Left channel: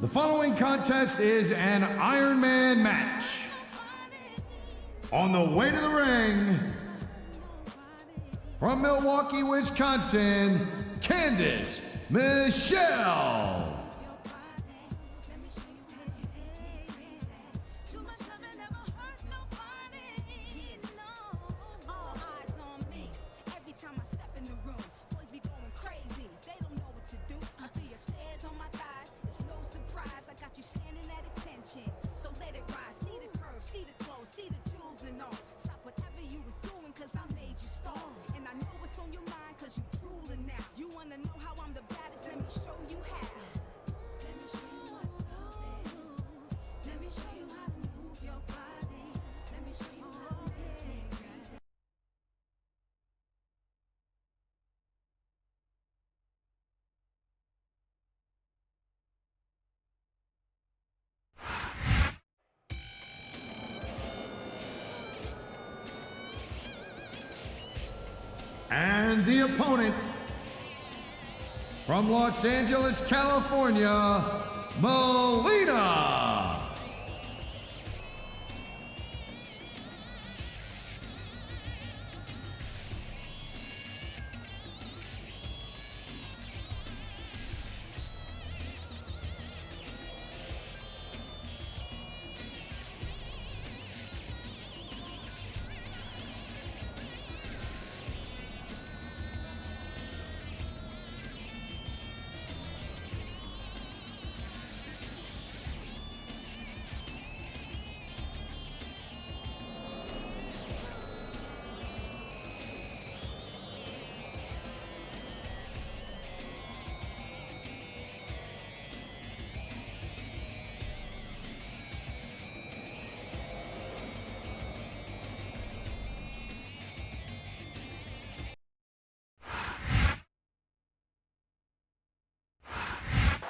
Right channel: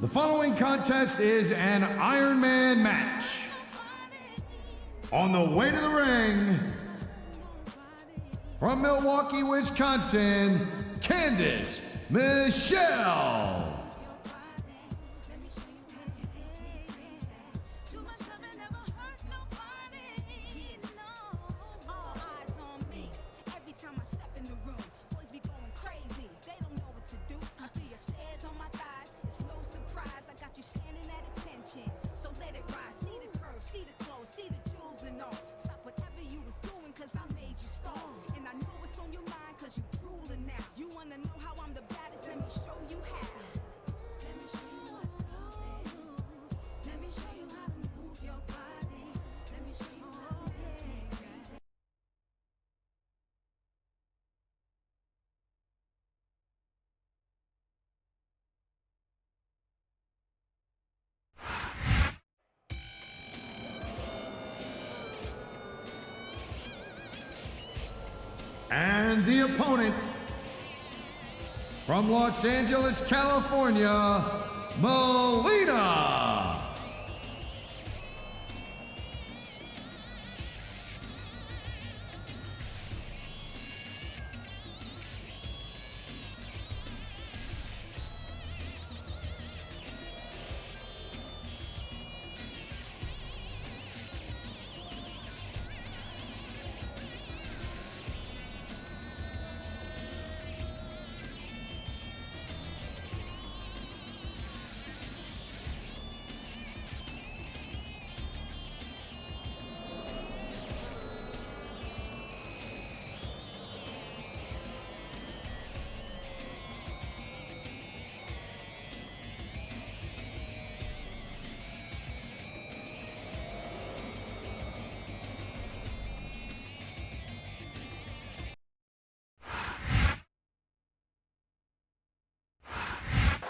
The following contest is an Ironman match. On the way to the ring, from Milwaukee, Wisconsin, Candice Michelle. And the opponent, from Los Angeles, California, Melina.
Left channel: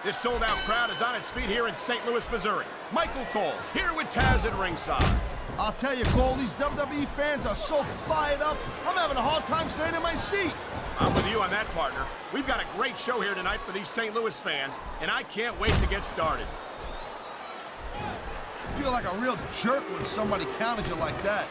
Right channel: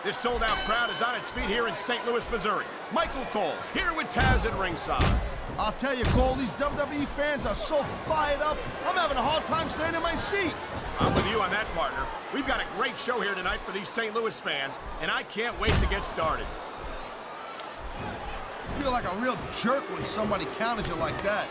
This sold-out crowd is on its feet here in St. Louis, Missouri. Michael Cole, here with Taz at ringside. I'll tell you, Cole, these WWE fans are so fired up, I'm having a hard time staying in my seat. I'm with you on that, partner. We've got a great show here tonight for these St. Louis fans, and I can't wait to get started. I feel like a real jerk when somebody counters you like that.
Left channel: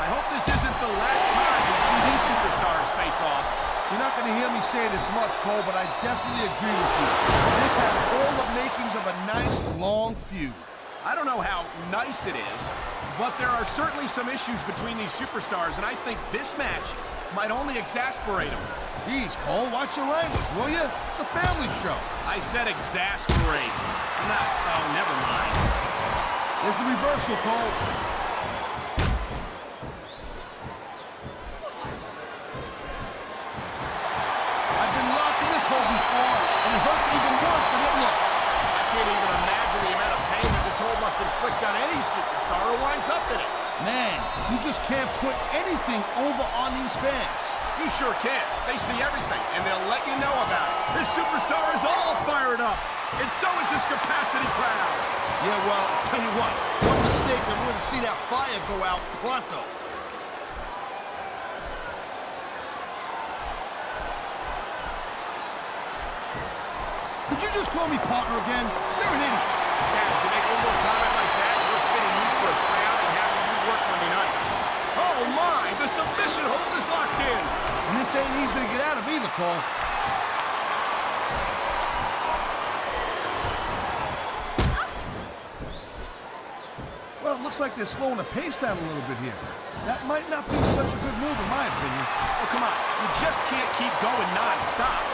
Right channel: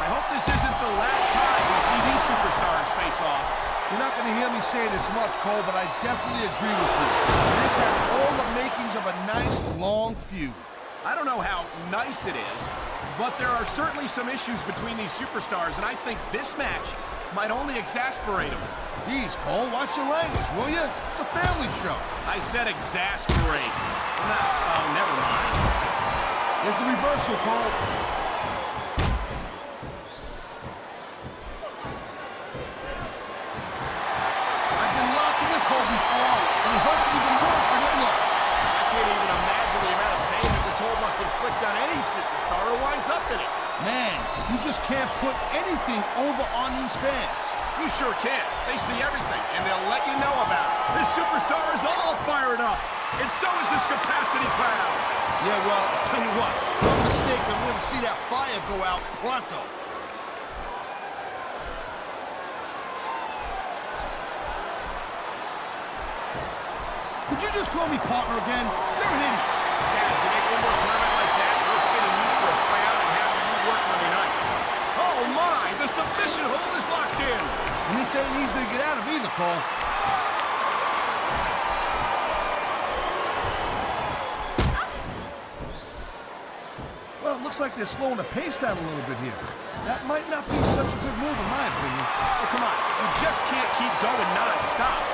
I hope this isn't the last time we see these superstars face off. You're not going to hear me say this much, Cole, but I definitely agree with you. This has all the makings of a nice, long feud. I don't know how nice it is, but there are certainly some issues between these superstars, and I think this match might only exasperate them. Jeez, Cole, watch your language, will you? It's a family show. I said exasperate. Oh, never mind. Here's the reversal, Cole. Hole before, and it hurts even worse than it looks. I can't even imagine the amount of pain that this hole must inflict on any superstar who winds up in it. Man, you just can't put anything over on these fans. You sure can. They see everything, and they'll let you know about it. This superstar is all fired up, and so is this capacity crowd. Yeah, well, I'll tell you what, one mistake and we're going to see that fire go out pronto. Did you just call me partner again? You're an idiot. Taz, you make one more comment like that, we're fitting you for a crowd and having you work Monday nights. Oh my, the submission hold is locked in. And this ain't easy to get out of either, Cole. Well, it looks like they're slowing the pace down a little bit here. That might not be such a good move in my opinion. Oh, come on, you just can't keep going non-stop.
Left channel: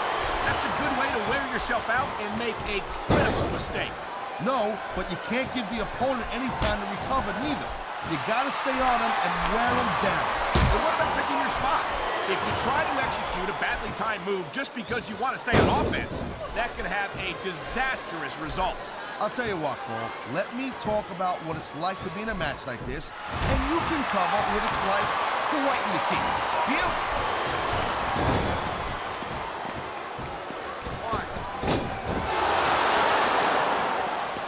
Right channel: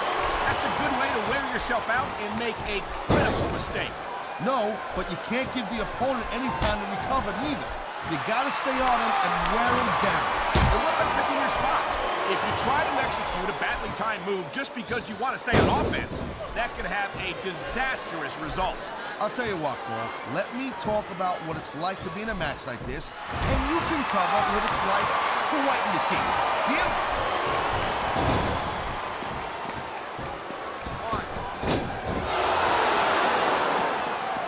That's a good way to wear yourself out and make a critical mistake. No, but you can't give the opponent any time to recover neither. You gotta stay on him and wear him down. And what about picking your spot? If you try to execute a badly timed move just because you want to stay on offense, that can have a disastrous result. I'll tell you what, Cole. Let me talk about what it's like to be in a match like this, and you can cover what it's like to whiten your teeth. Deal?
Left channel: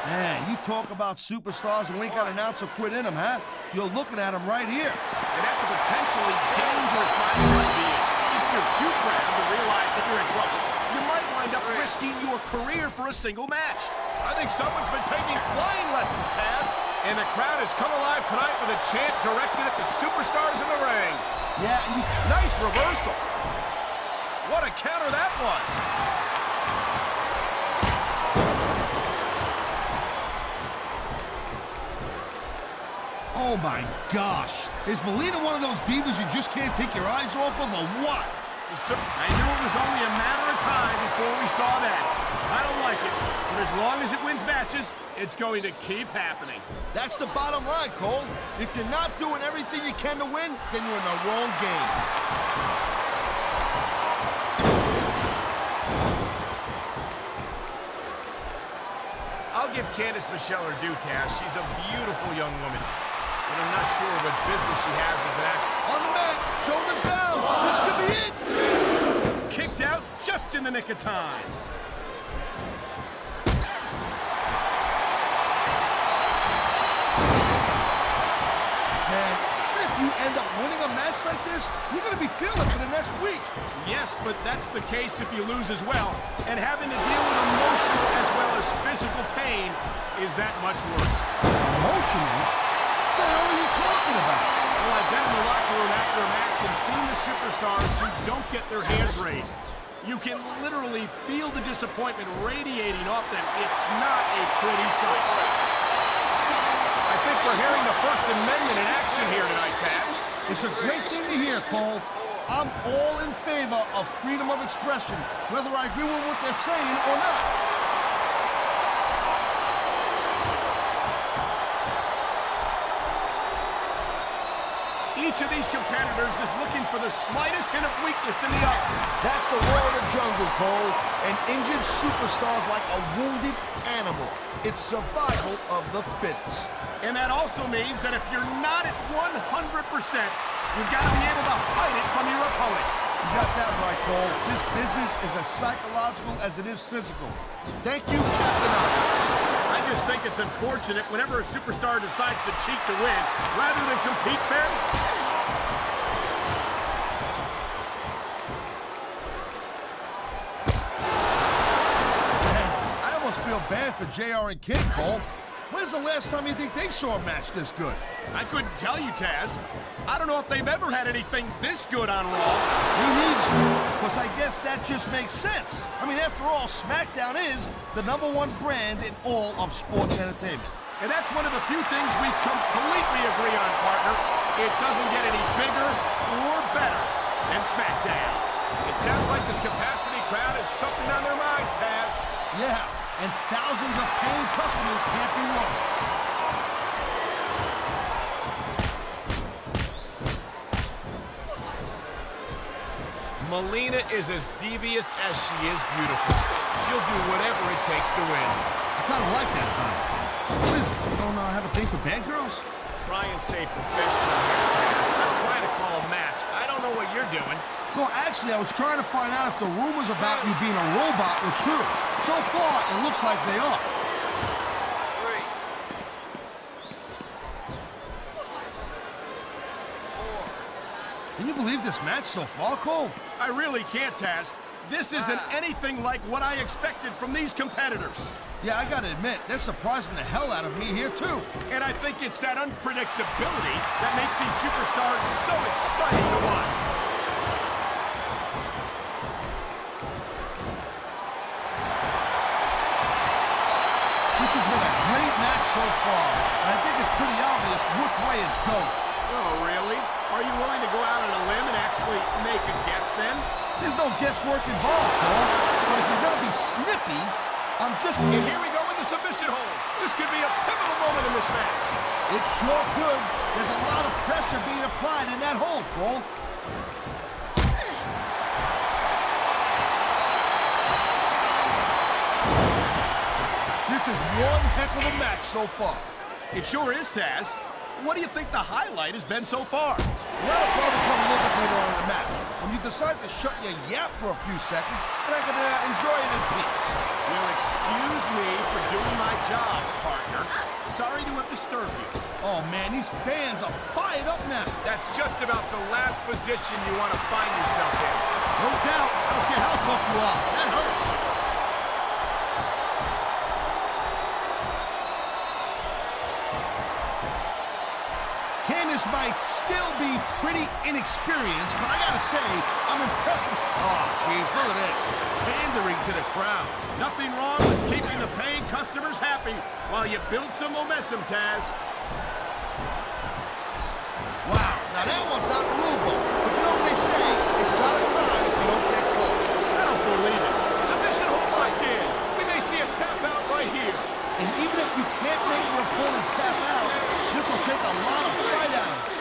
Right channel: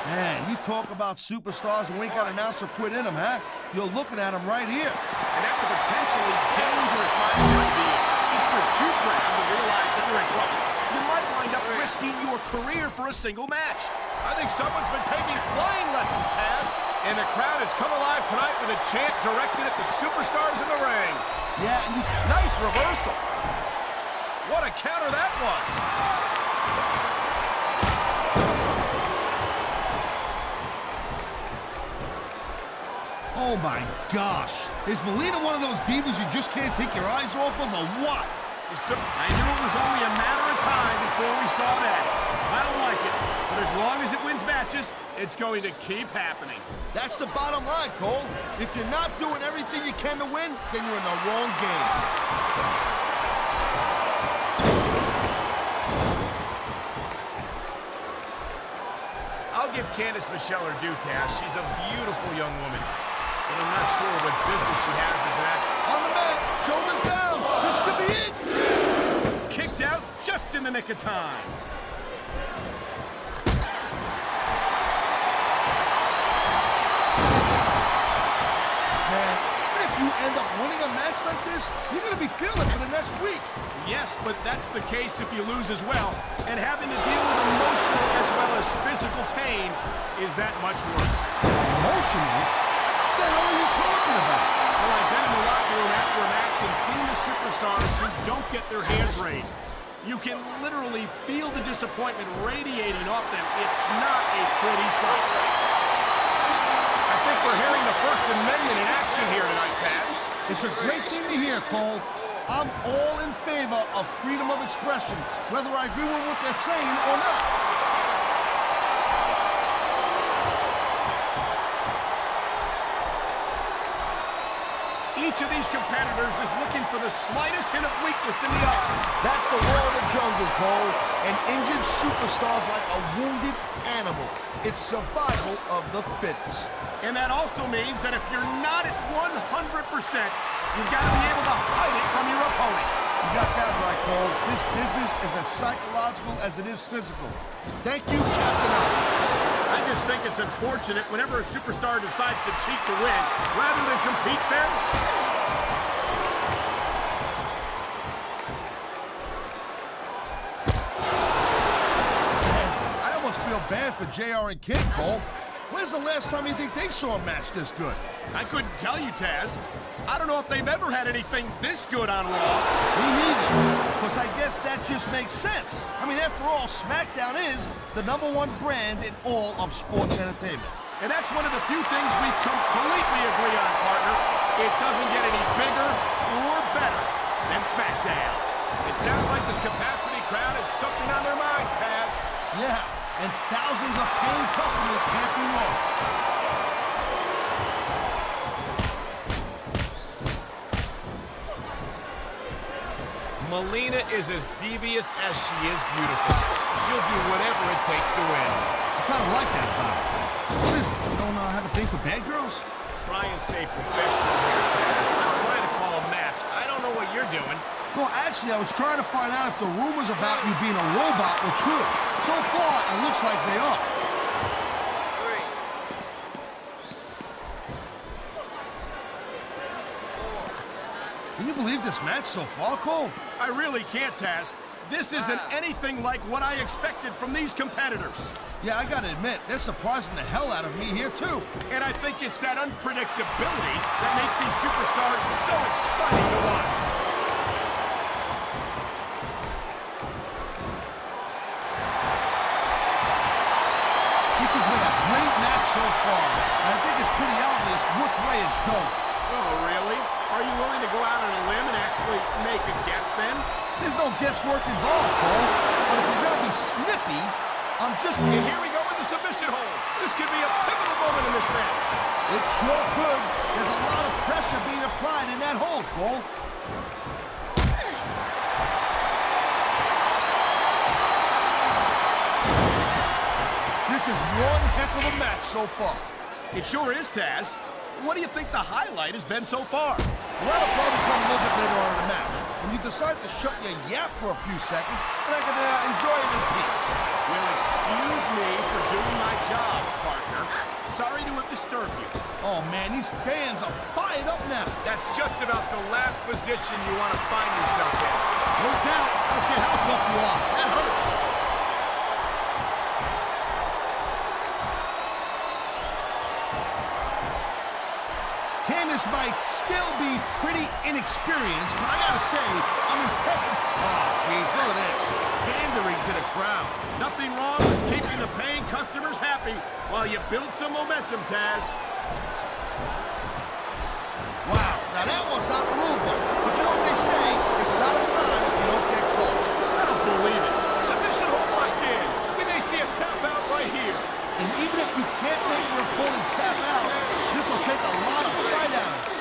Man, you talk talk about superstars who ain't got an ounce of quit in them, huh? You're looking at them right here. And that's a potentially dangerous mindset to be in. If you're too proud to realize that you're in trouble, you might wind up risking your career for a single match. I think someone's been taking flying lessons, Taz. And the crowd has come alive tonight with a chant directed at the superstars in the ring. Yeah, and nice reversal. What a counter that was. Oh my gosh. Is Melina one of those divas you just can't take your eyes off of, or what? I knew it was only a matter of time before we saw that. I don't like it, but as long as it wins matches, it's going to keep happening. That's the bottom line, Cole. If you're not doing everything you can to win, then you're in the wrong game. I'll give Candice Michelle her due, Taz. She's a beautiful young woman. But I'm not sure what business she has as an actor. On the mat, shoulders down. This could be it. Kicked out just in the nick of time. Man, even if you end up winning a match like this, you're going to be feeling it for the next week. Yes, but that's the case if you lose as well. And having to deal with emotional as well as physical pain is that much worse. Emotional? What the hell are you talking about? Well, I've been in the locker room after a match and seen the superstars who don't get their hands raised. You can literally feel the disappointment radiating off them. It's not a pretty sight. I think we're hearing the First Amendment in action here tonight, Taz. It's a great thing to hear, Cole. I'm all in favor of freedom of expression, whether I agree with what they're saying or not. Each of these competitors is looking for the slightest hint of weakness in the other. That's the law of the jungle, Cole. An injured superstar's like a wounded animal. It's survival of the fittest. And that also means that if you're not at 100%, you've got to be able to hide it from your opponent. You got that right, Cole. This business is as psychological as it is physical. Thank you, Captain Obvious. I just think it's unfortunate whenever a superstar decides to cheat to win, rather than compete fairly. Man, I almost feel bad for JR and Kid, Cole. When's the last time you think they saw a match this good? I couldn't tell you, Taz. I don't know if they've ever had anything this good on Raw. Me neither. Because I guess that just makes sense. I mean, after all, Smackdown is the #1 brand in all of sports entertainment. And that's one of the few things we completely agree on, partner. It doesn't get any bigger or better than Smackdown. It sounds like this capacity crowd has something on their minds, Taz. Yeah, and thousands of paying customers can't be wrong. Melina is as devious as she is beautiful. She'll do whatever it takes to win. I kind of like that about her. What is it? You don't have a thing for bad girls? Try and stay professional here, Taz. I'm trying to call a match. I don't know what you're doing. No, actually, I was trying to find out if the rumors about you being a robot were true. So far, it looks like they are. 3, 4. Can you believe this match so far, Cole? I really can't, Taz. This isn't anything like what I expected from these competitors. Yeah, I gotta admit, they're surprising the hell out of me here, too. And I think it's that unpredictability that makes these superstars so exciting to watch. This has been a great match so far, and I think it's pretty obvious which way it's going. Oh, really? Are you willing to go out on a limb and actually make a guess, then? There's no guesswork involved, Cole. But if you're gonna be snippy, I'm just... And here we go with the submission hold. This could be a pivotal moment in this match. It sure could. There's a lot of pressure being applied in that hold, Cole. This is one heck of a match so far. It sure is, Taz. What do you think the highlight has been so far? Well, that'll probably come a little bit later on in the match, when and you decide to shut your yap for a few seconds, and I can enjoy it in peace. Well, excuse me for doing my job, partner. Sorry to have disturbed you. Oh man, these fans are fired up now. That's just about the last position you want to find yourself in. No doubt. I don't care how tough you are. That hurts. Candice might still be pretty inexperienced, but I gotta say, I'm impressed with... Oh, jeez, look at this. Pandering to the crowd. Nothing wrong with keeping the paying customers happy while you build some momentum, Taz. Wow, now that one's not the rule book. But you know what they say? It's not a crime if you don't get caught. I don't believe it. Submission hold locked in. We may see a tap out right here. And even if you can't make your opponent tap out, this will take a lot of fight out of it.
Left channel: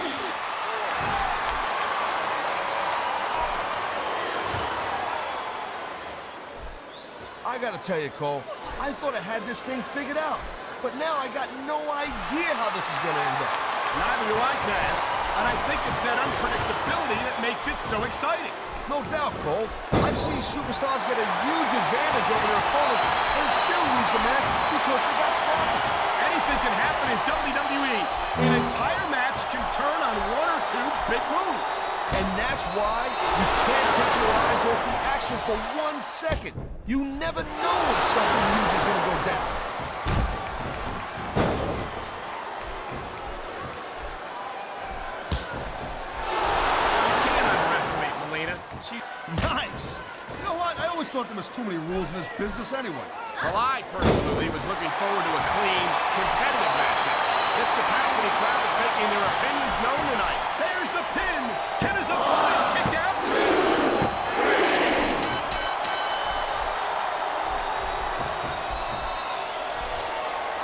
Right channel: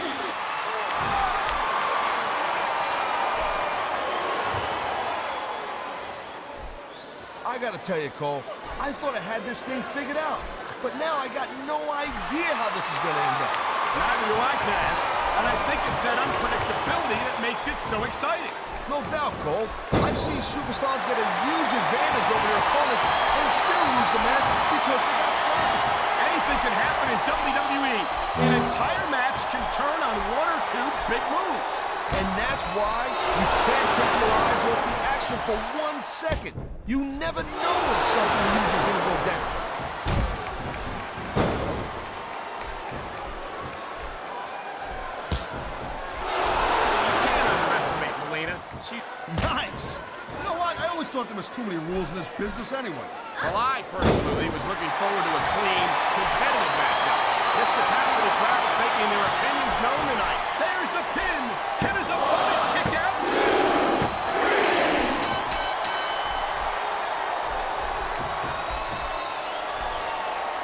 I gotta tell you, Cole, I thought I had this thing figured out. But now I got no idea how this is gonna end up. Neither do I, Taz. And I think it's that unpredictability that makes it so exciting. No doubt, Cole. I've seen superstars get a huge advantage over their opponents and still lose the match because they got sloppy. Anything can happen in WWE. An entire match can turn on one or two big moves. And that's why you can't take your eyes off the action for 1 second. You never know when something huge is gonna go down. She... Nice! You know what? I always thought there was too many rules in this business anyway. Well, I personally was looking forward to a clean, competitive matchup. This capacity crowd is making their opinions known tonight. There's the pin! Can his opponent kick out?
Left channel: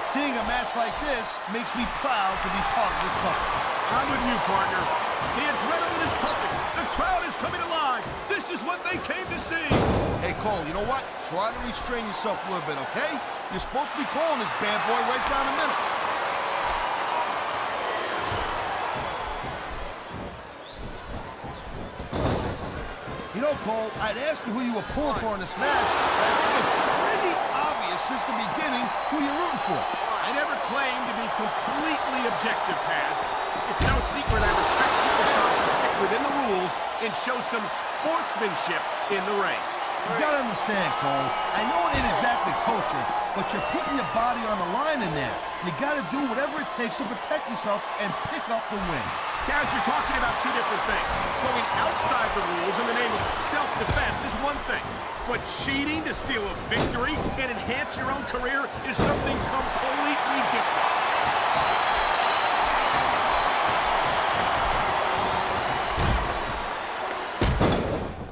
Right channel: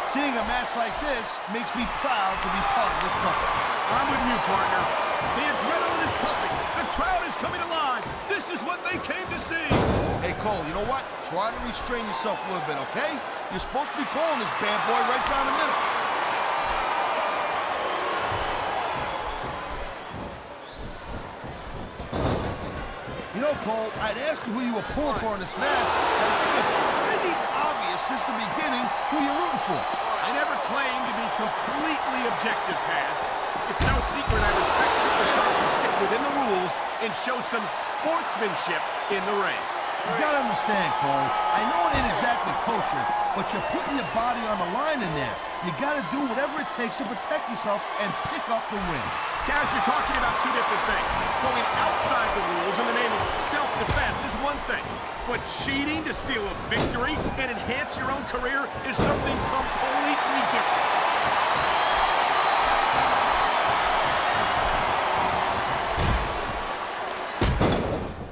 Seeing a match like this makes me proud to be part of this company. I'm with you, partner. The adrenaline is pumping. The crowd is coming alive. This is what they came to see. Hey, Cole, you know what? Try to restrain yourself a little bit, okay? You're supposed to be calling this bad boy right down the middle. You know, Cole, I'd ask you who you were pulling for in this match, but I think it's pretty obvious since the beginning who you're rooting for. I never claimed to be completely objective, Taz. It's no secret I respect superstars who stick within the rules and show some sportsmanship in the ring. You gotta understand, Cole. I know it ain't exactly kosher, but you're putting your body on the line in there. You gotta do whatever it takes to protect yourself and pick up the win. Taz, you're talking about two different things. Going outside the rules in the name of self-defense is one thing, but cheating to steal a victory and enhance your own career is something completely different.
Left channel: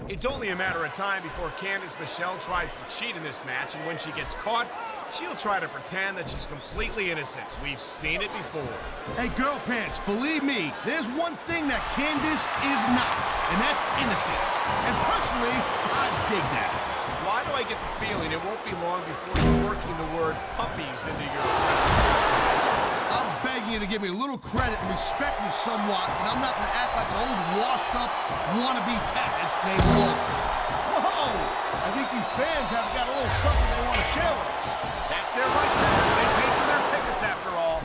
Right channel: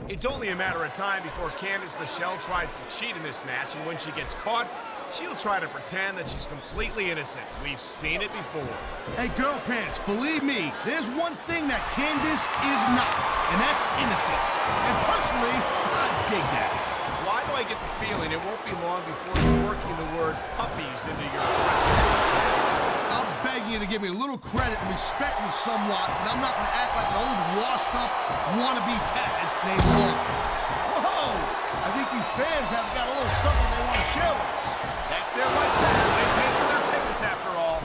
It's only a matter of time before Candice Michelle tries to cheat in this match, and when she gets caught, she'll try to pretend that she's completely innocent. We've seen it before. Hey, girl pants, believe me, there's one thing that Candice is not, and that's innocent. And personally, I dig that. Why do I get the feeling it won't be long before you're working the word puppies into your repertoire? I'm begging you to give me a little credit and respect me somewhat, and I'm not gonna act like an old washed-up wannabe Taz named Raw. Whoa! I think these fans have got a little something they want to share with us. That's their right, Taz. They paid for their tickets after all.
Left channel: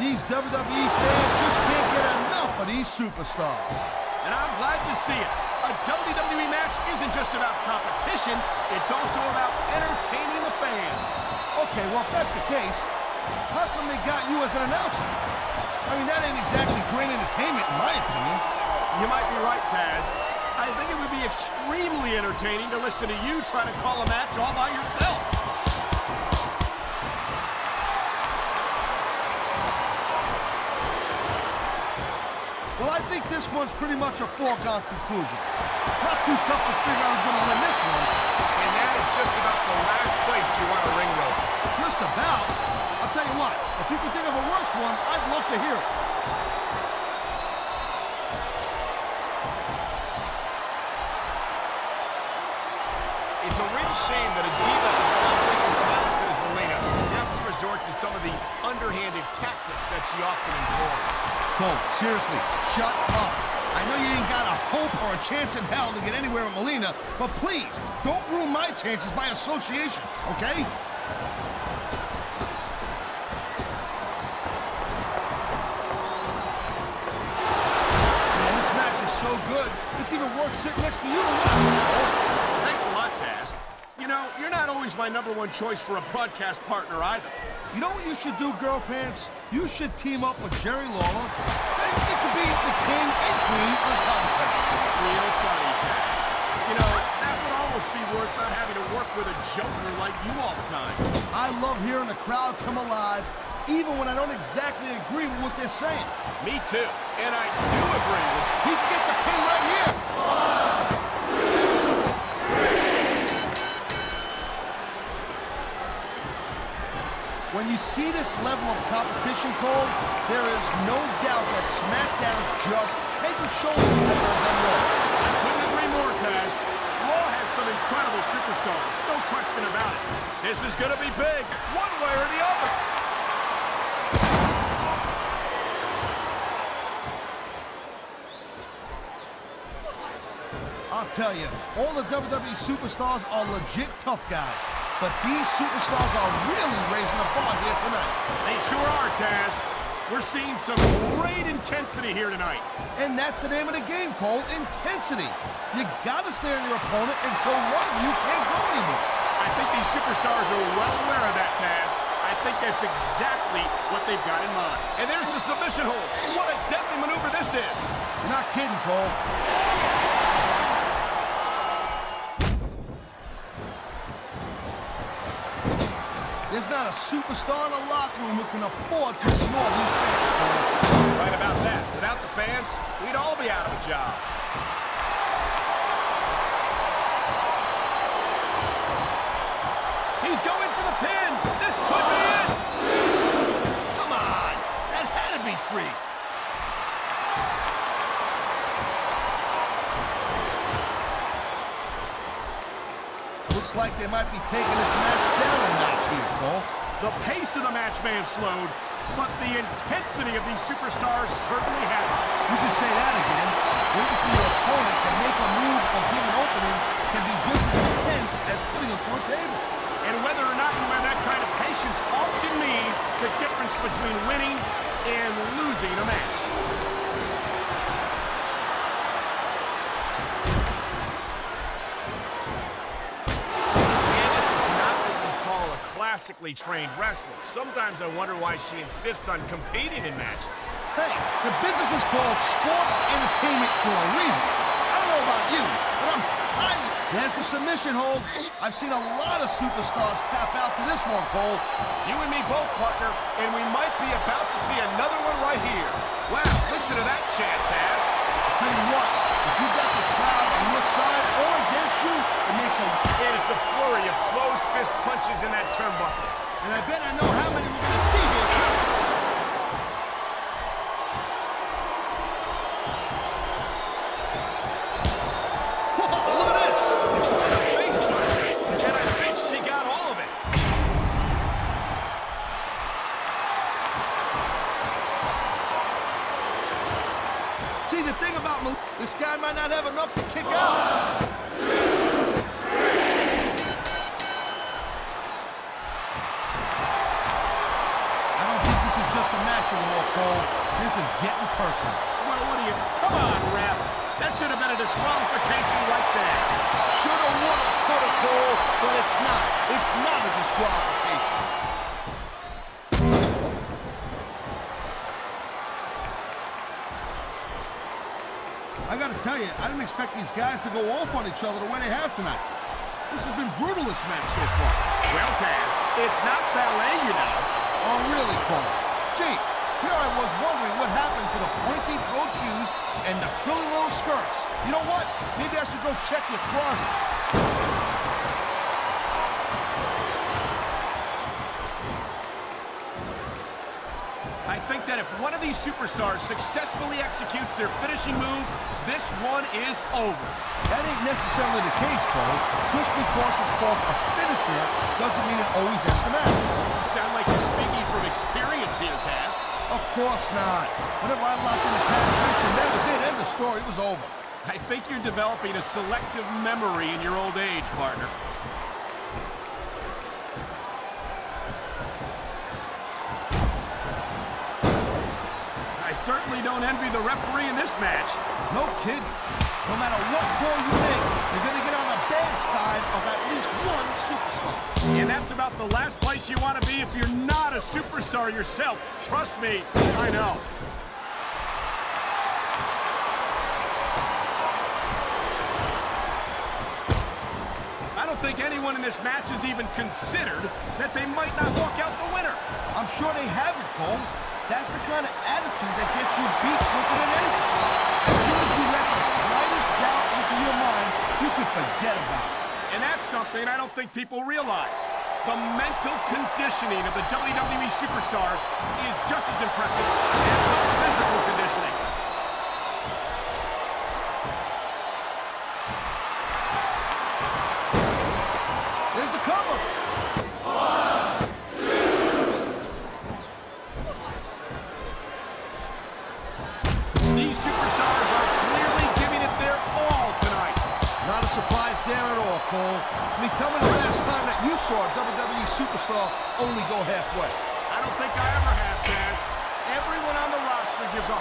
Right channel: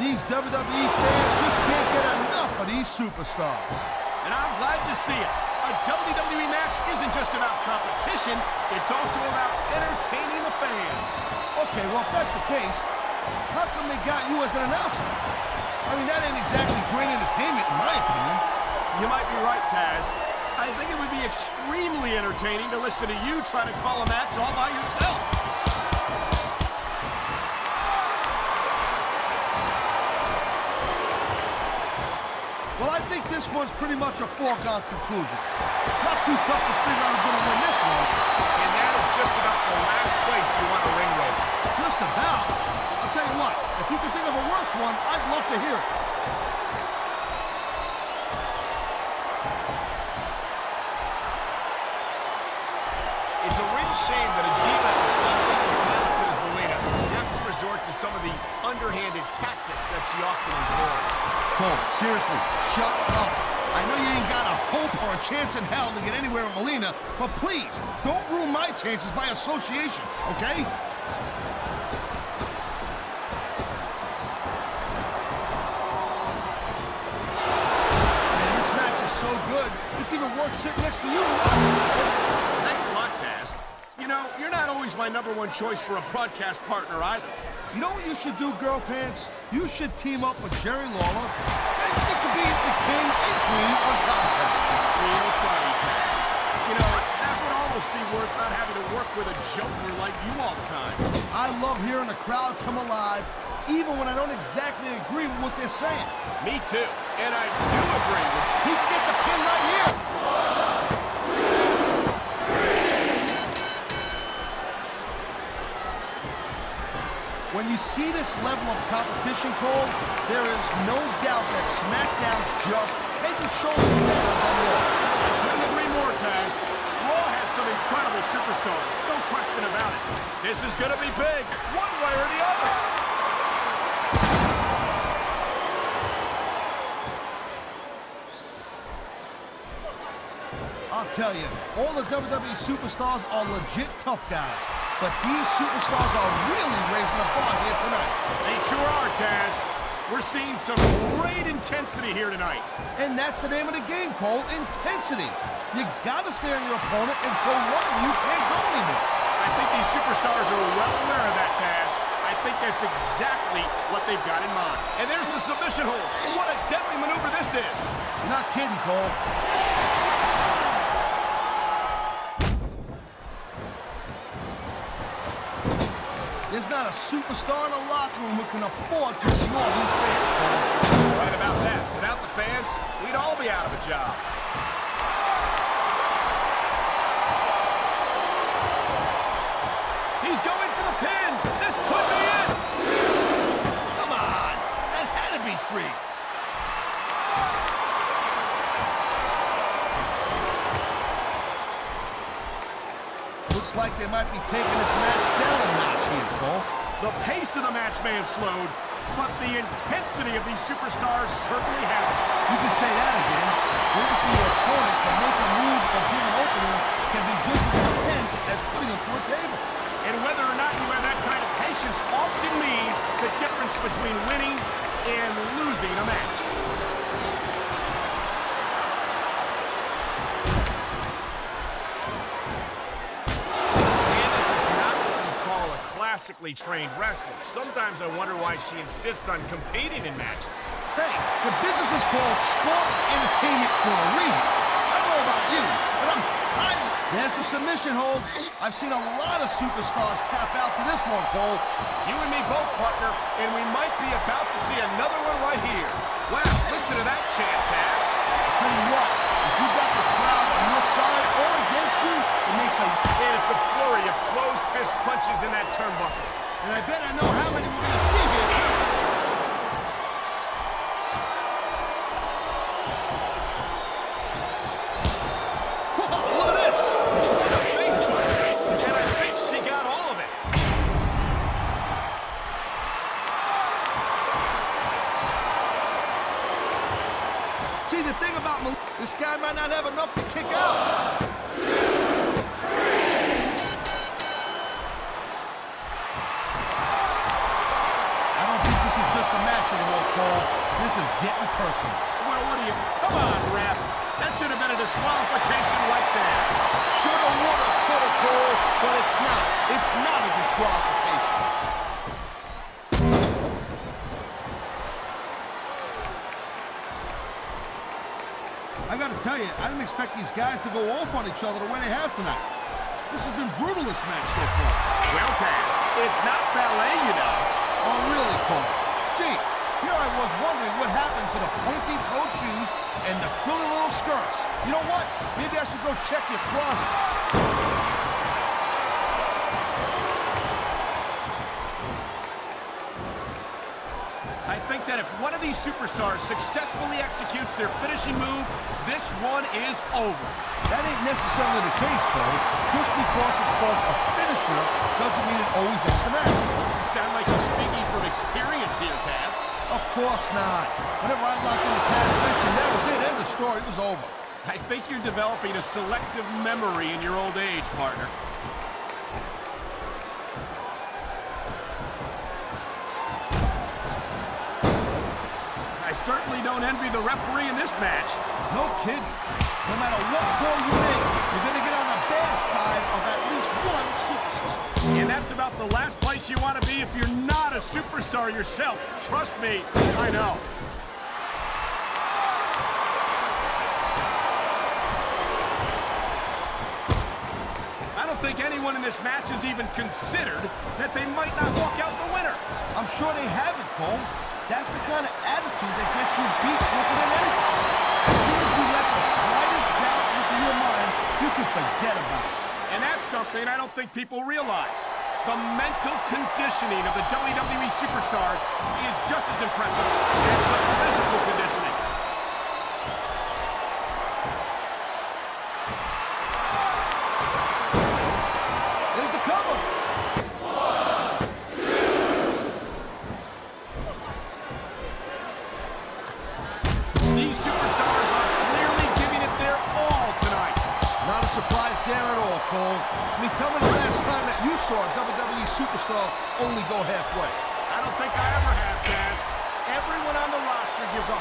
These WWE fans just can't get enough of these superstars. And I'm glad to see it. A WWE match isn't just about competition, it's also about entertaining the fans. Okay, well, if that's the case, how come they got you as an announcer? I mean, that ain't exactly great entertainment, in my opinion. You might be right, Taz. I think it would be extremely entertaining to listen to you try to call a match all by yourself. Well, I think this one's pretty much a foregone conclusion. Not too tough to figure out who's going to win this one. And that is just about the last place you want a ring rope. Just about? I'll tell you what, if you can think of a worse one, I'd love to hear it. It's a real shame that a diva as lovely and talented as Melina has to resort to some of the underhanded tactics that she often employs. Cole, seriously, shut up. I know you ain't got a hope or a chance in hell to get anywhere with Melina, but please, don't ruin my chances by association, okay? Man, this match is so good, it's even worth sitting next to you to watch it, Cole. Thanks a lot, Taz. You know, you're not always my #1 choice for a broadcast partner either. You know what you should do, Girl Pants? You should team up with Jerry Lawler. It could be the king and queen on commentary. Real funny, Taz. You know, that would almost be worth not having to work with a joker like you all the time. I love hearing the crowd come alive, even when I don't exactly agree with what they're saying. Me too. And I do agree with He can get the pin right here. When you see this level of competition, Cole, there is no doubt that SmackDown's just head and shoulders better than Raw. I couldn't agree more, Taz. Raw has some incredible superstars, no question about it. This is gonna be big, one way or the other. I'll tell you, all the WWE superstars are legit tough guys, but these superstars are really raising the bar here tonight. They sure are, Taz. We're seeing some great intensity here tonight. And that's the name of the game, Cole, intensity. You gotta stare on your opponent until one of you can't go anymore. I think these superstars are well aware of that, Taz. I think that's exactly what they've got in mind. And there's the submission hold. What a deadly maneuver this is. You're not kidding, Cole. There's not a superstar in the locker room who can afford to ignore these fans, Cole. Right about that. Without the fans, we'd all be out of a job. He's going for the pin. This could be it. Come on. That had to be 3. Looks like they might be taking this match down a notch here, Cole. The pace of the match may have slowed, but the intensity of these superstars certainly hasn't. You can say that again. Waiting for your opponent to make a move or give an opening can be just as intense as putting them through a table. And whether or not you have that kind of patience often means the difference between winning and losing a match. Candice is not what you call a classically trained wrestler. Sometimes I wonder why she insists on competing in matches. Hey, the business is called sports entertainment for a reason. I don't know about you, but there's the submission hold. I've seen a lot of superstars tap out to this one, Cole. You and me both, partner, and we might be about to see another one right here. Wow, listen to that chant, Taz. I'll tell you what, if you got the crowd on your side or against you, it makes a... And it's a flurry of closed fist punches in that turnbuckle. And I bet I know how many we're going to see here, too. See, the thing about this guy might not have enough to kick out. I don't think this is just a match anymore, Cole. This is getting personal. Well, what do you... Come on, ref. That should have been a disqualification right there. Shoulda, woulda, coulda, Cole, but it's not. It's not a disqualification. I gotta tell you, I didn't expect these guys to go off on each other the way they have tonight. This has been brutal, this match so far. Well, Taz, it's not ballet, you know. Oh, really, Cole? Gee, here I was wondering what happened to the pointy-toed shoes and the frilly little skirts. You know what? Maybe I should go check your closet. I think that if one of these superstars successfully executes their finishing move, this one is over. That ain't necessarily the case, Cole. Just because it's called a finisher doesn't mean it always ends the match. You sound like you're speaking from experience here, Taz. Of course not. Whenever I locked in the Taz mission, that was it. End of story. It was over. I think you're developing a selective memory in your old age, partner. I certainly don't envy the referee in this match. No kidding. No matter what call you make, you're going to get on the bad side of at least one superstar. And that's about the last place you want to be if you're not a superstar yourself. Trust me, I know. I don't think anyone in this match has even considered that they might not walk out the winner. I'm sure they haven't, Cole. That's the kind of attitude that gets you beat quicker than anything. As soon as you let the slightest doubt into your mind, you can forget about it. And that's something I don't think people realize. The mental conditioning of the WWE superstars is just as impressive as the physical conditioning. There's the cover. These superstars are clearly giving it their all tonight. Not a surprise there at all, Cole. I mean, tell me the last time that you saw a WWE superstar only go halfway. I don't think I ever have, Taz. Everyone on the roster gives 110%.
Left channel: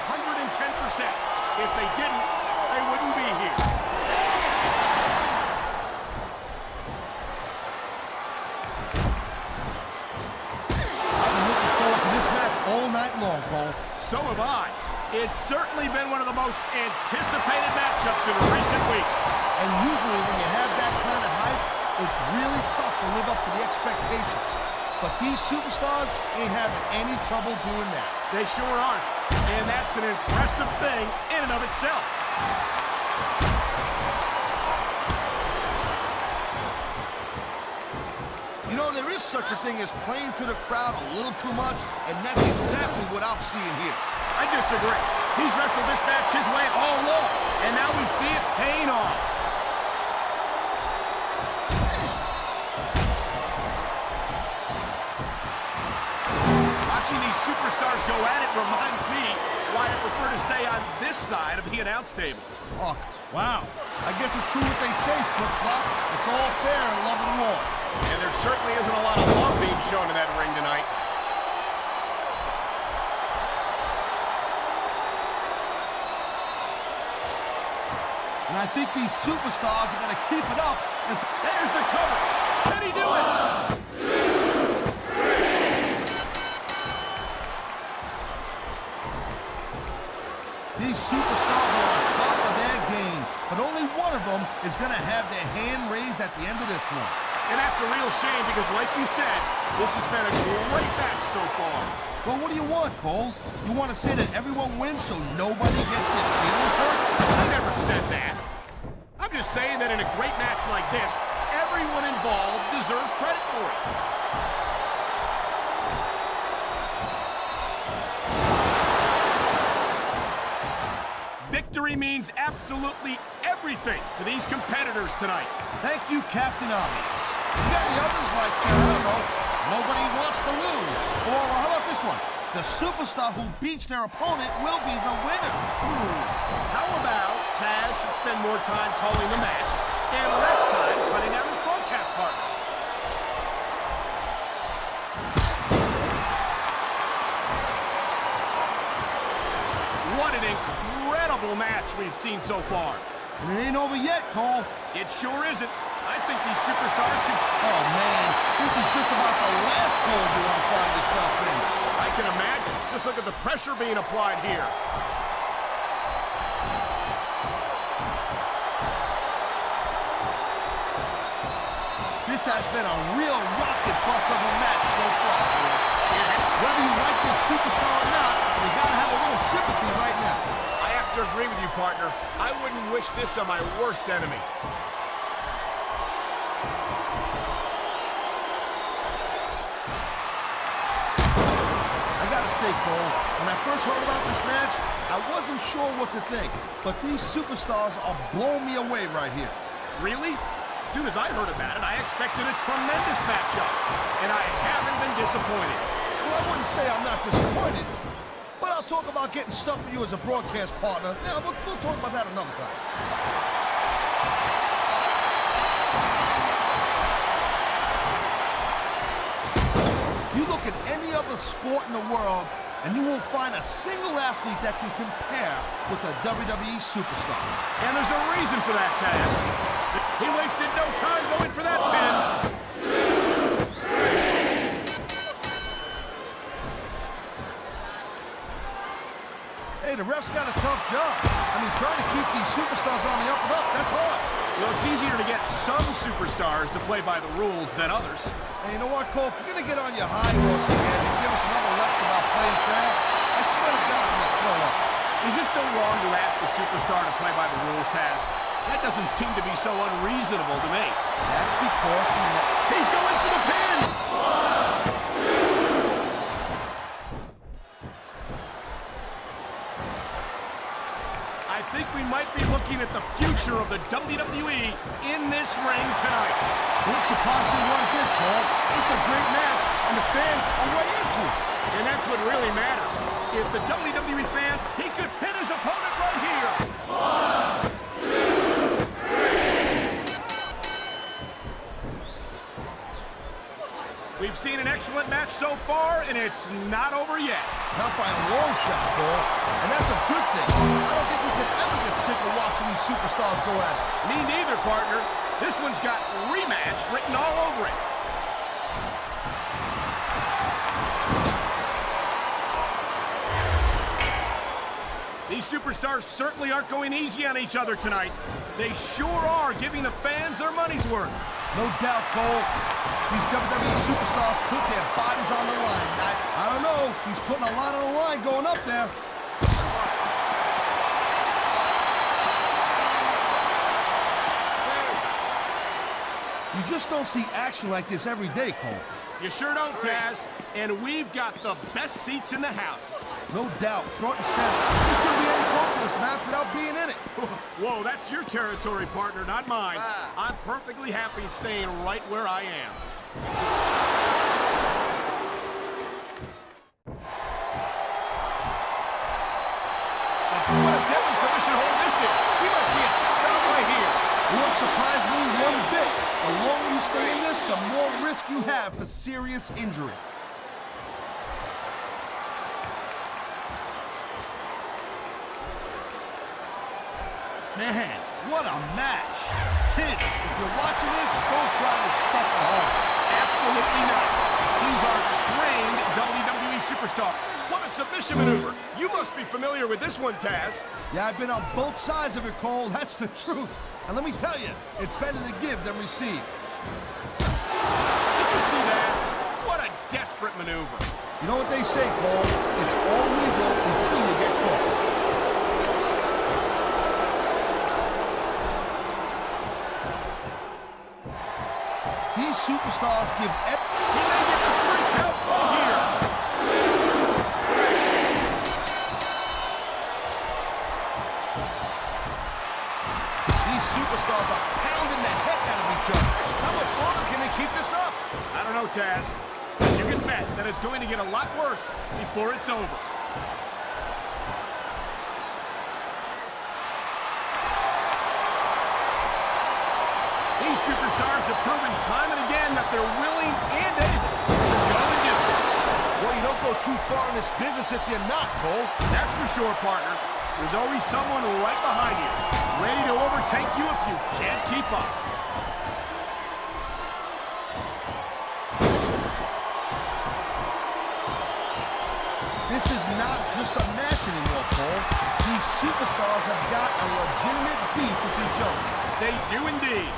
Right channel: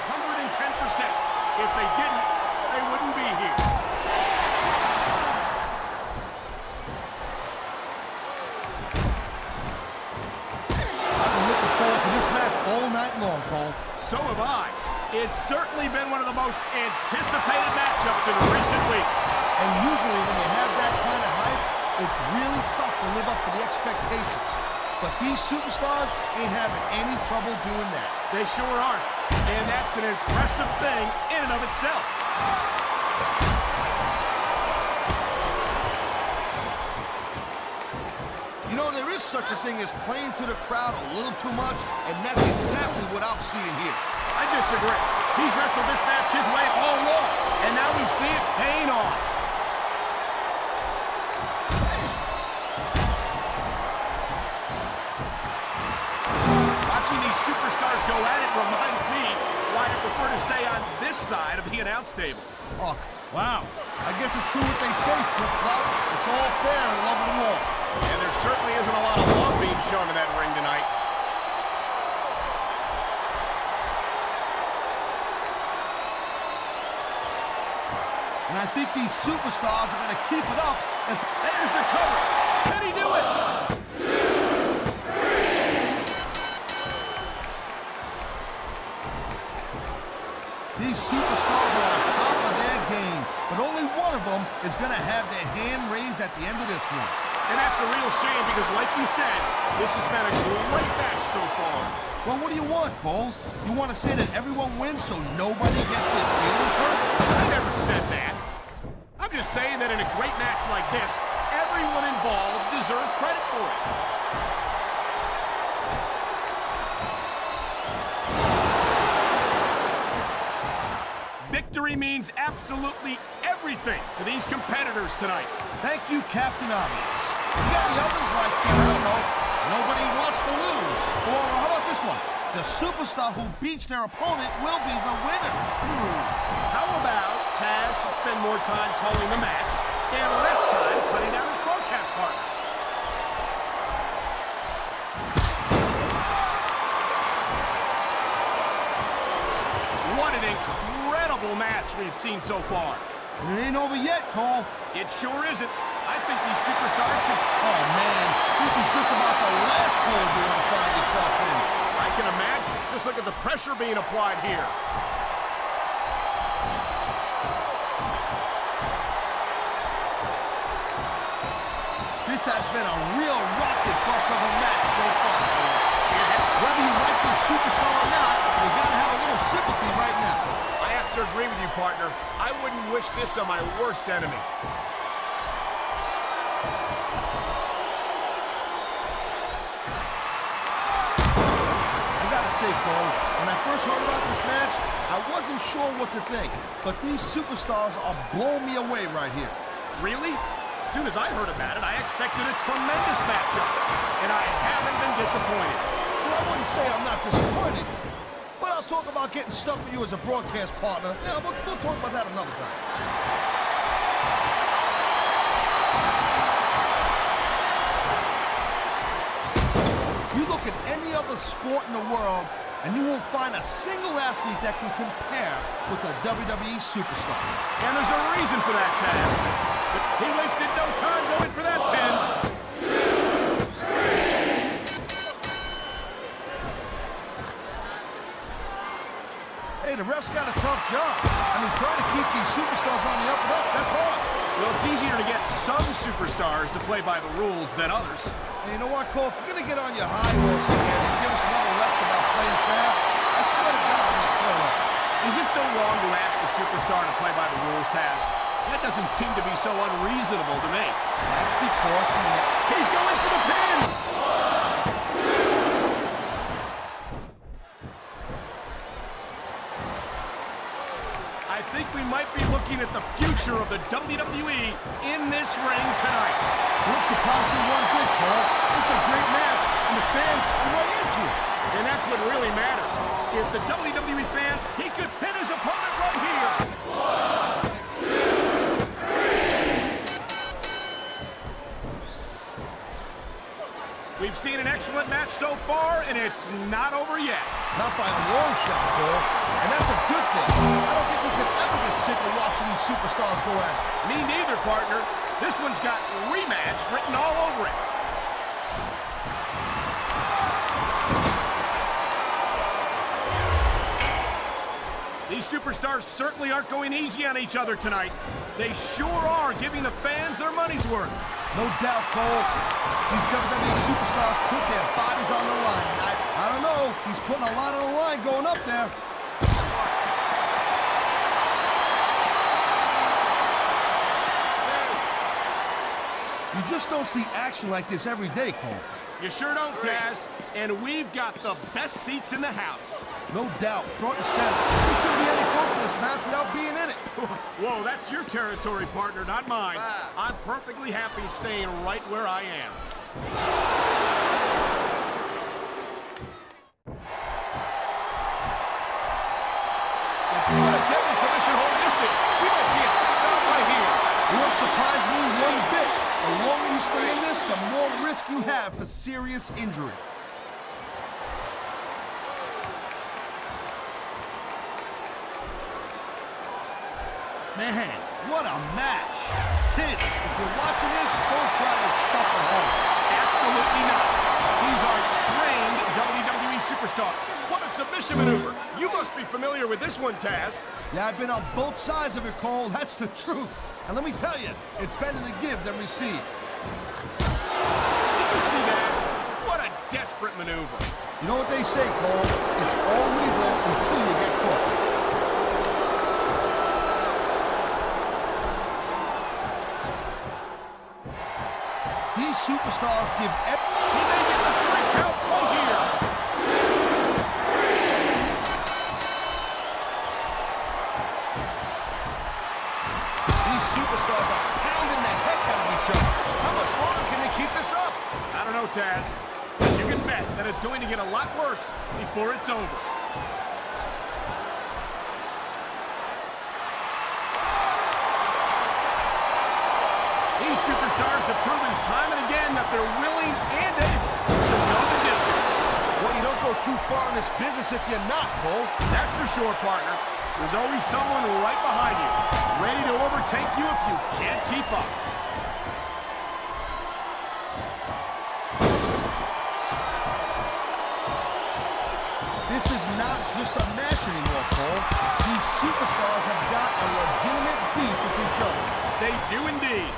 If they didn't, they wouldn't be here. I've been looking forward to this match all night long, Cole. So have I. It's certainly been one of the most anticipated matchups in recent weeks. And usually when you have that kind of hype, it's really tough to live up to the expectations. But these superstars ain't having any trouble doing that. They sure aren't. And that's an impressive thing in and of itself. You know, there is such a thing as playing to the crowd a little too much, and that's exactly what I'm seeing here. I disagree. He's wrestled this match his way all along, and now we see it paying off. Watching these superstars go at it reminds me why I prefer to stay on this side of the announce table. Oh, wow. I guess it's true what they say, flip-flop. It's all fair in love and war. And there certainly isn't a lot of love being shown in that ring tonight. And I think these superstars are going to keep it up. And there's the cover. Can he do it? 2, 3. These superstars are on top of their game, but only one of them is going to have their hand raised at the end of this one. And that's a real shame because, like you said, this has been a great match so far. Well, what do you want, Cole? You want to say that everyone wins so nobody gets their feelings hurt? I never said that. I'm just saying that in a great match like this, everyone involved deserves credit for it. Victory means absolutely everything to these competitors tonight. Thank you, Captain Obvious. You got any others like, I don't know, nobody wants to lose? Or how about this one? The superstar who beats their opponent will be the winner. How about Taz should spend more time calling the match and less time cutting down his broadcast partner? What an incredible match we've seen so far. And it ain't over yet, Cole. It sure isn't. I think these superstars can... Oh, man, this is just about the last hole you want to find yourself in. I can imagine. Just look at the pressure being applied here. This has been a real rocket bus of a match so far, Cole. Whether you like this superstar or not, you gotta have a little sympathy right now. I have to agree with you, partner. I wouldn't wish this on my worst enemy. I gotta say, Cole, when I first heard about this match, I wasn't sure what to think, but these superstars are blowing me away right here. Really? As soon as I heard about it, I expected a tremendous matchup, and I haven't been disappointed. Well, I wouldn't say I'm not disappointed, but I'll talk about getting stuck with you as a broadcast partner. Yeah, we'll talk about that another time. You look at any other sport in the world, and you won't find a single athlete that can compare with a WWE superstar. And there's a reason for that, Taz. He wasted no time going for that pin. Hey, the ref's got a tough job. I mean, trying to keep these superstars on the up and up, that's hard. Well, it's easier to get some superstars to play by the rules than others. Hey, you know what, Cole? If you're going to get on your high horse again and give us another lecture about playing fair, I swear to God, I'm going to throw up. Is it so wrong to ask a superstar to play by the rules, Taz? That doesn't seem to be so unreasonable to me. That's because he's going for the pin! I think we might be looking at the future of the WWE in this ring tonight. Wouldn't surprise me one bit, Cole. This is a great match, and the fans are right into it. And that's what really matters. If the WWE fan, he could pin his opponent right here. 1, 2, 3. We've seen an excellent match so far, and it's not over yet. Not by a long shot, Cole. And that's a good thing. I don't think we can ever get sick of watching these superstars go at it. Me neither, partner. This one's got rematch written all over it. These superstars certainly aren't going easy on each other tonight. They sure are giving the fans their money's worth. No doubt, Cole. These WWE superstars put their bodies on the line. I don't know. He's putting a lot on the line going up there. You just don't see action like this every day, Cole. You sure don't, Taz. And we've got the best seats in the house. No doubt, front and center. We couldn't be any closer to this match without being in it. Whoa, that's your territory, partner, not mine. I'm perfectly happy staying right where I am. What a deadly submission hold this is. We might see a tap out right here. It won't surprise me one bit. The longer you stay in this, the more risk you have for serious injury. Man, what a match. Kids, if you're watching this, don't try this stuff at home. Absolutely not. He's our trained WWE superstar. What a submission maneuver. You must be familiar with this one, Taz. Yeah, I've been on both sides of it, Cole. That's the truth. And let me tell you, it's better to give than receive. Did you see that? What a desperate maneuver. You know what they say, Cole? It's all legal until you get caught. These superstars give he may get the 3 count right here. 2, 3. These superstars are pounding the heck out of each other. How much longer can they keep this up? I don't know, Taz. But you can bet that it's going to get a lot worse before it's over. These superstars have proven time and again that they're willing and able to go the distance. Well, you don't go too far in this business if you're not, Cole. That's for sure, partner. There's always someone right behind you, ready to overtake you if you can't keep up. This is not just a match anymore, Cole. These superstars have got a legitimate beef with each other. They do indeed.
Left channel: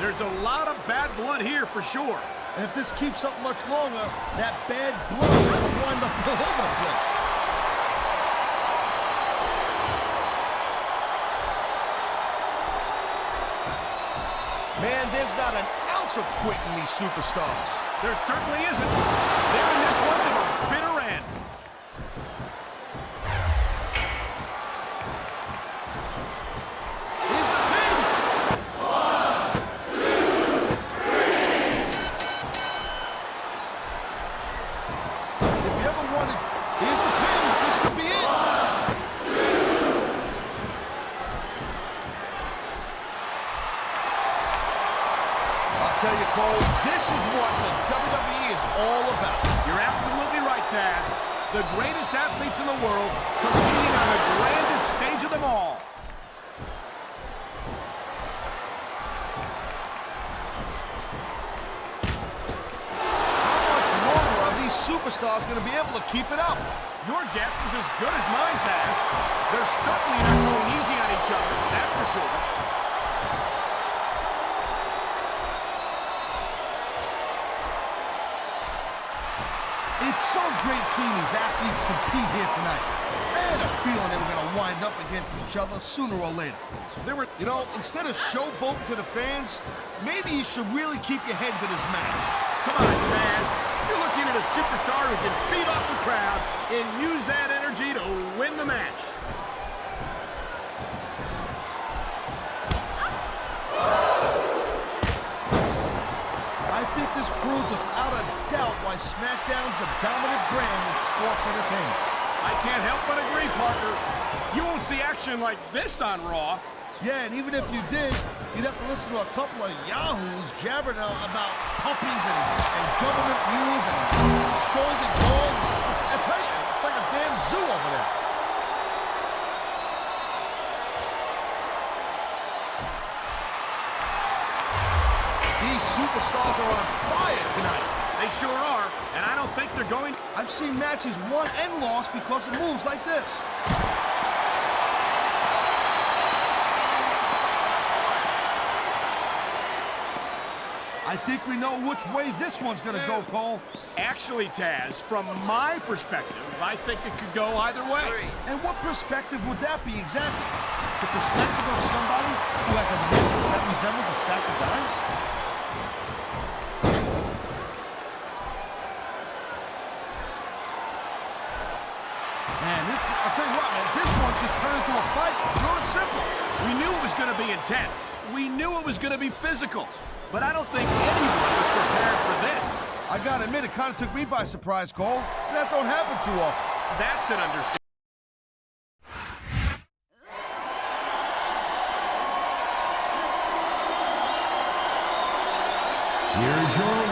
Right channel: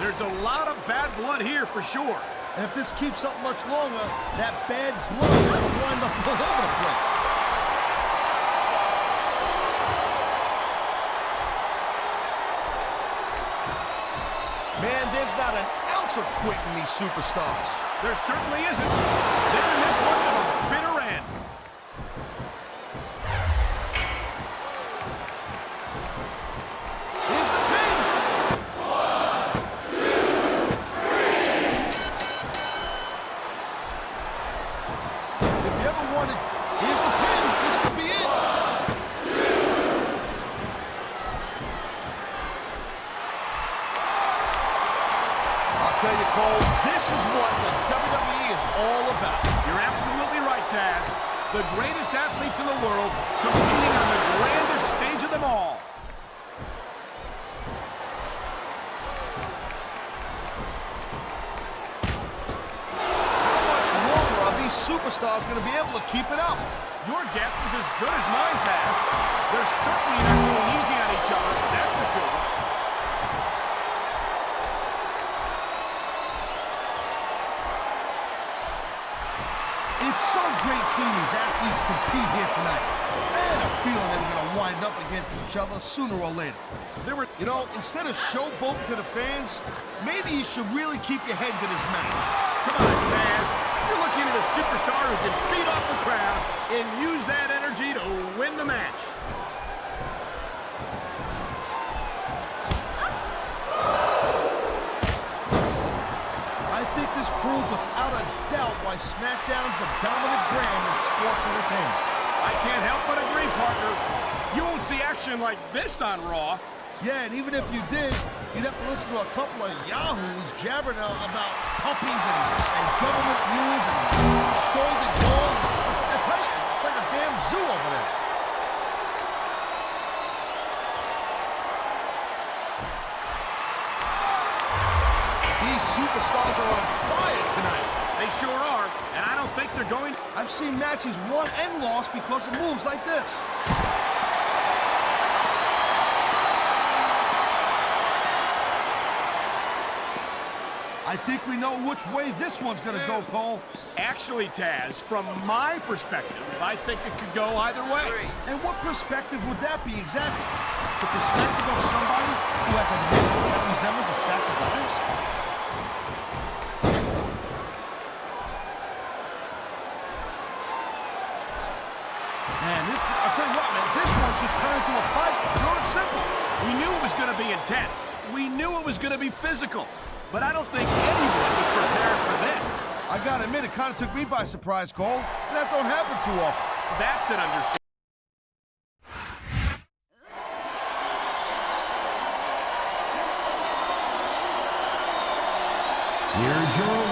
There's a lot of bad blood here for sure. And if this keeps up much longer, that bad blood is going to wind up all over the place. Man, there's not an ounce of quit in these superstars. There certainly isn't. They're in this one to the bitter end. Cole. This is what the WWE is all about. You're absolutely right, Taz. The greatest athletes in the world competing on the grandest stage of them all. How much longer are these superstars going to be able to keep it up? Your guess is as good as mine, Taz. They're certainly not going easy on each other, that's for sure. It's so great seeing these athletes compete here tonight. I had a feeling they were going to wind up against each other sooner or later. You know, instead of showboating to the fans, maybe you should really keep your head to this match. Come on, Taz. You're looking at a superstar who can feed off the crowd and use that energy to win the match. I think this proves without a doubt why SmackDown's the dominant brand in sports entertainment. I can't help but agree, partner. You won't see action like this on Raw. Yeah, and even if you did, you'd have to listen to a couple of yahoos jabbering about puppies and government views and scolded dogs. I tell you, it's like a damn zoo over there. These superstars are on fire tonight. They sure are, and I don't think they're going... I've seen matches won and lost because of moves like this. I think we know which way this one's gonna go, Cole. Actually, Taz, from my perspective, I think it could go either way. And what perspective would that be exactly? The perspective of somebody who has a neck that resembles a stack of dimes? Man, I'll tell you what, man, this one's just turned into a fight. Pure and simple. We knew it was going to be intense. We knew it was going to be physical. But I don't think anyone was prepared for this. I gotta admit, it kind of took me by surprise, Cole. That don't happen too often. That's an understatement. Here's your